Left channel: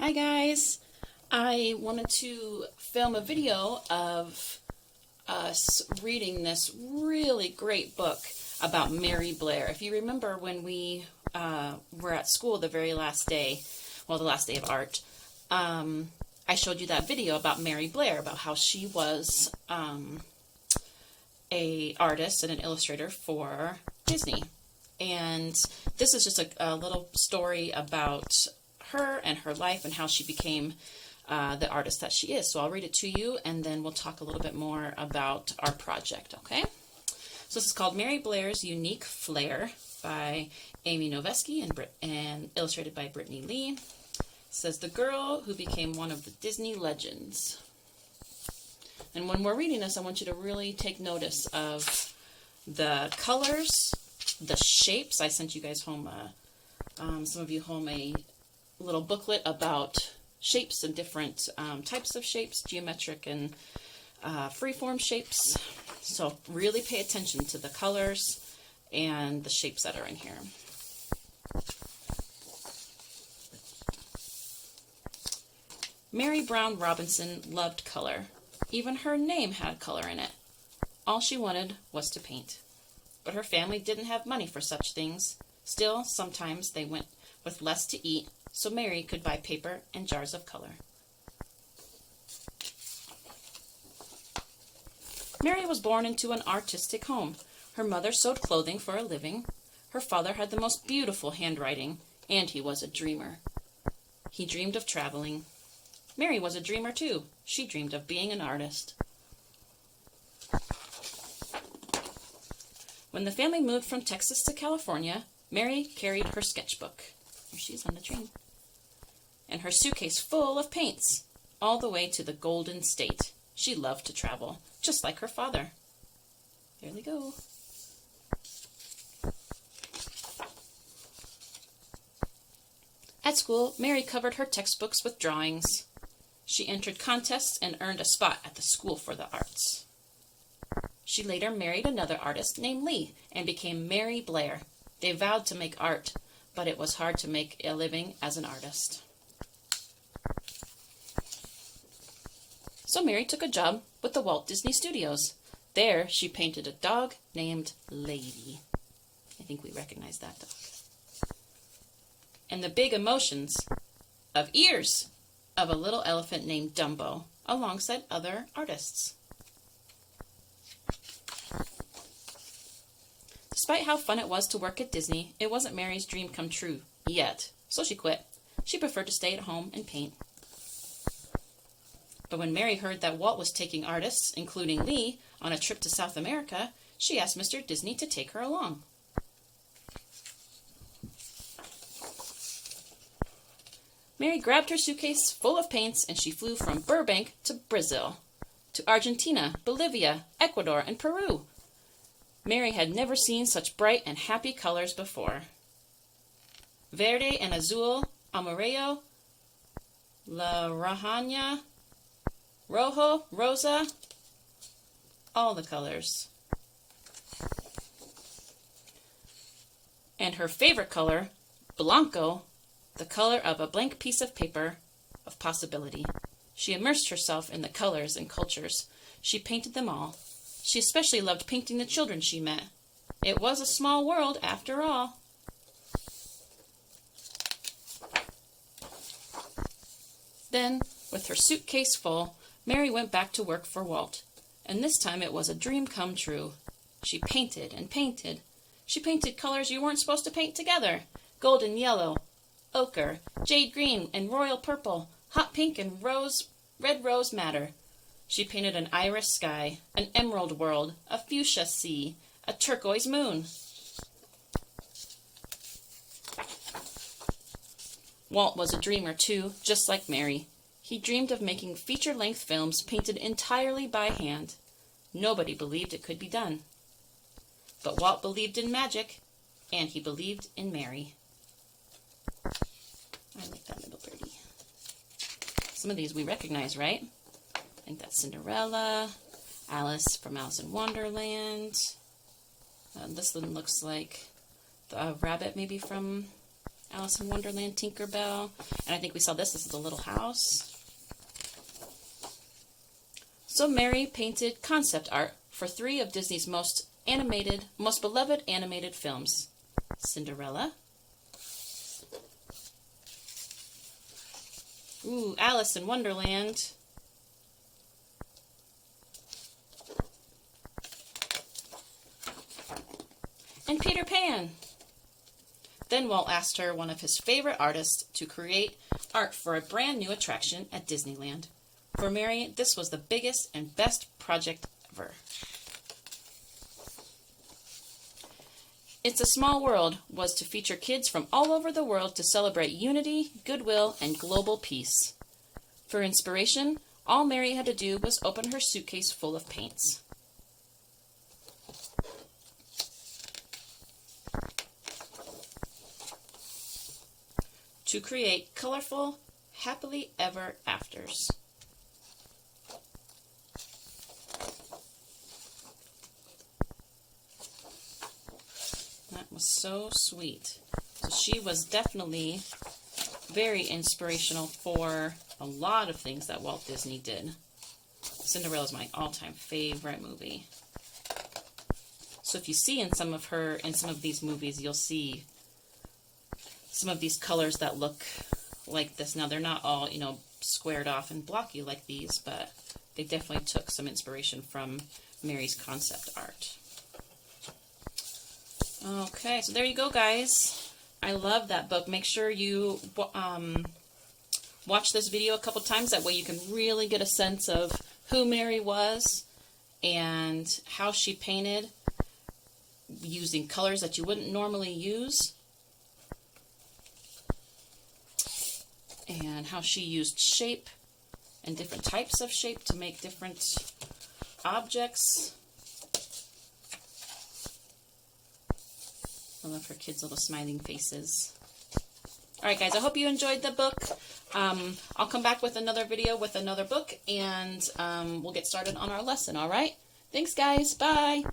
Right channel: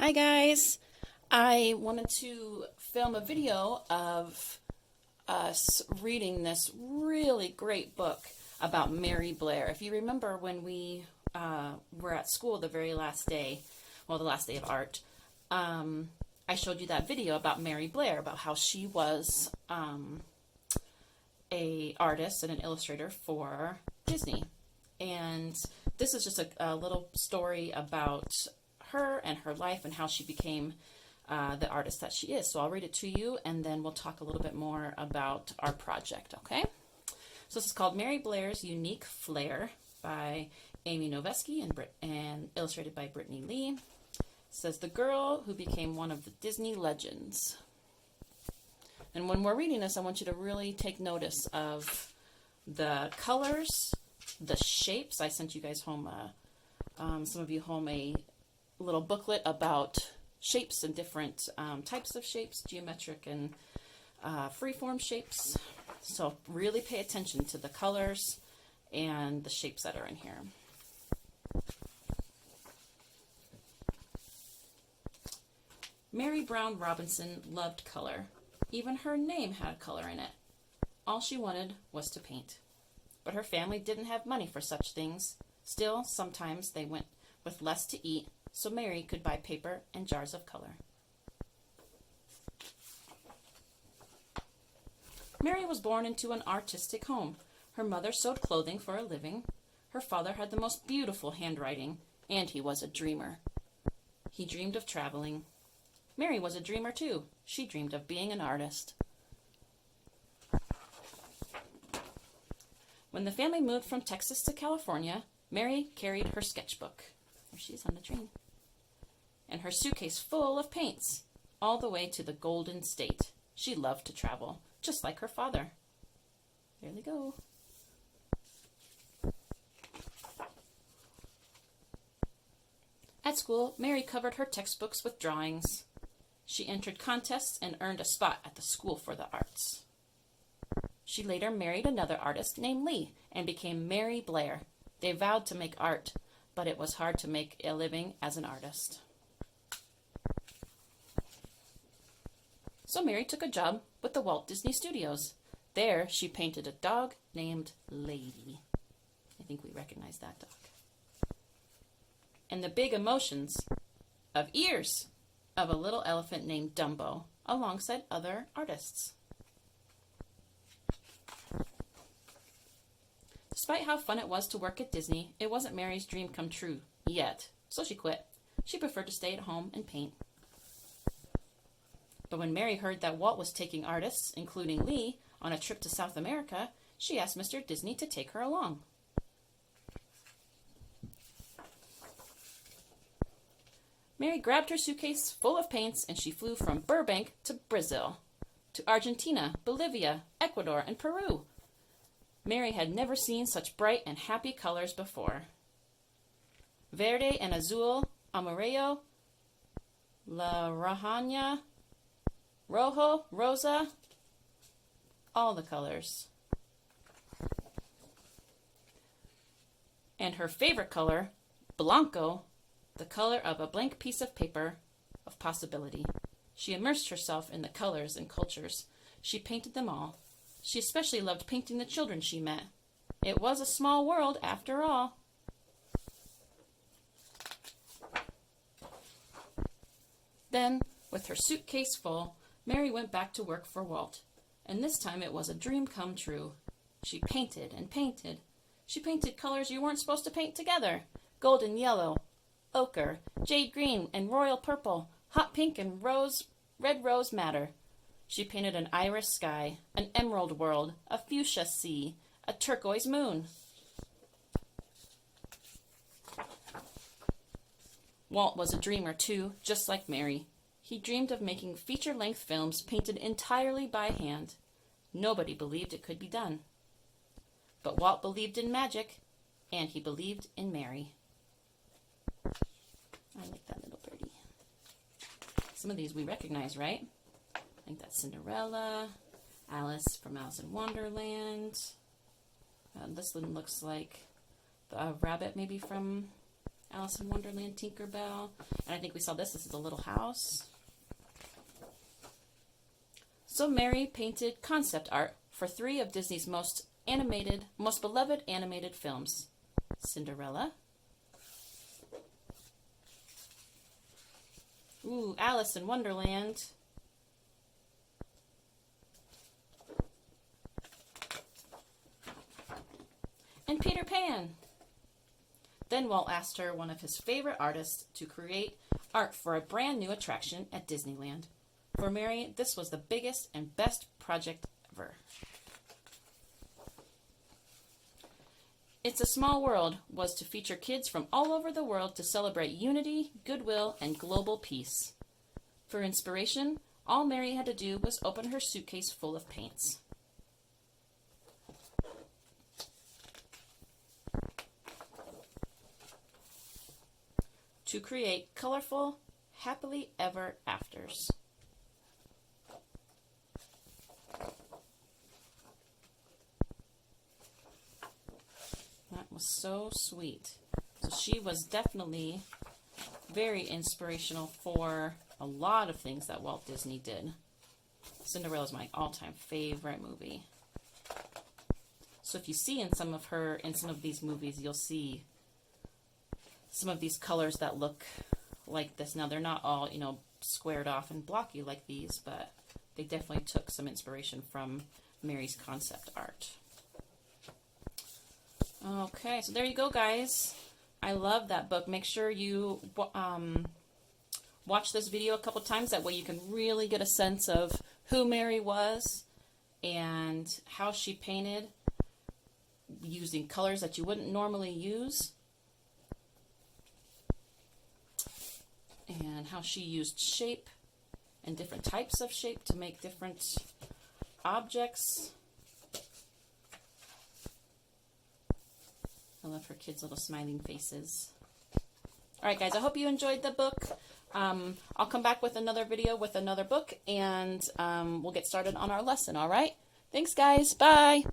Hi guys, I wanted to film a video of us reading this really great book about Mary Blair. If you remember when we were at school the very last day, well, the last day of art, I showed you that video about Mary Blair, about how she was a artist and an illustrator for Disney. And this is just a little story about her and her life and how she became the artist that she is. So I'll read it to you and then we'll talk a little bit more about our project, okay? So this is called Mary Blair's Unique Flair by Amy Noveski and illustrated by Brittany Lee. It says, the girl who became one of the Disney legends. And when we're reading this, I want you to really take notice of the colors, the shapes. I sent you guys home, some of you home, a little booklet about shapes and different types of shapes, geometric and freeform shapes. So really pay attention to the colors and the shapes that are in here. Mary Brown Robinson loved color. Even her name had color in it. All she wanted was to paint. But her family didn't have money for such things. Still, sometimes they went with less to eat, so Mary could buy paper and jars of color. Mary was born into an artistic home. Her mother sewed clothing for a living. Her father had the most beautiful handwriting, and he was a dreamer. He dreamed of traveling. Mary was a dreamer too. She dreamed of being an artist. When the family moved from Texas to California, Mary carried her sketchbook. Here she's on the train. And her suitcase full of paints, all the way to the Golden State. She loved to travel, just like her father. Here we go. At school, Mary covered her textbooks with drawings. She entered contests and earned a spot at the School for the Arts. She later married another artist named Lee and became Mary Blair. They vowed to make art, but it was hard to make a living as an artist. So Mary took a job with the Walt Disney Studios. There, she painted a dog named Lady. I think we recognize that dog. And the big emotions of ears of a little elephant named Dumbo, alongside other artists. Despite how fun it was to work at Disney, it wasn't Mary's dream come true yet, so she quit. She preferred to stay at home and paint. But when Mary heard that Walt was taking artists, including Lee, on a trip to South America, she asked Mr. Disney to take her along. Mary grabbed her suitcase full of paints and she flew from Burbank to Brazil, to Argentina, Bolivia, Ecuador, and Peru. Mary had never seen such bright and happy colors before. Verde and azul, amarillo, naranja, rojo, rosa, all the colors. And her favorite color, blanco, the color of a blank piece of paper of possibility. She immersed herself in the colors and cultures. She painted them all. She especially loved painting the children she met. It was a small world after all. Then, with her suitcase full, Mary went back to work for Walt. And this time it was a dream come true. She painted and painted. She painted colors you weren't supposed to paint together. Golden yellow, ochre, jade green and royal purple, hot pink and red rose madder. She painted an iris sky, an emerald world, a fuchsia sea, a turquoise moon. Walt was a dreamer too, just like Mary. He dreamed of making feature-length films painted entirely by hand. Nobody believed it could be done. But Walt believed in magic, and he believed in Mary. I like that little birdie. Some of these we recognize, right? I think that's Cinderella, Alice from Alice in Wonderland. This one looks like the rabbit maybe from Alice in Wonderland, Tinkerbell. And I think we saw this. This is a little house. So Mary painted concept art for 3 of Disney's most beloved animated films. Cinderella. Ooh, Alice in Wonderland. And Peter Pan. Then Walt asked her, one of his favorite artists, to create art for a brand new attraction at Disneyland. For Mary, this was the biggest and best project ever. It's a Small World was to feature kids from all over the world to celebrate unity, goodwill, and global peace. For inspiration, all Mary had to do was open her suitcase full of paints. To create colorful, happily ever afters. That was so sweet. So she was definitely very inspirational for a lot of things that Walt Disney did. Cinderella is my all-time favorite movie. So if you see in some of these movies, you'll see some of these colors that look like this. Now, they're not all, squared off and blocky like these, but they definitely took some inspiration from Mary's concept art. Okay, so there you go, guys. I love that book. Make sure you watch this video a couple times. That way you can really get a sense of who Mary was and how she painted using colors that you wouldn't normally use. And how she used shape and different types of shape to make different objects. I love her kids' little smiling faces. Alright guys, I hope you enjoyed the book. I'll come back with another video with another book, and we'll get started on our lesson, alright? Thanks guys, bye!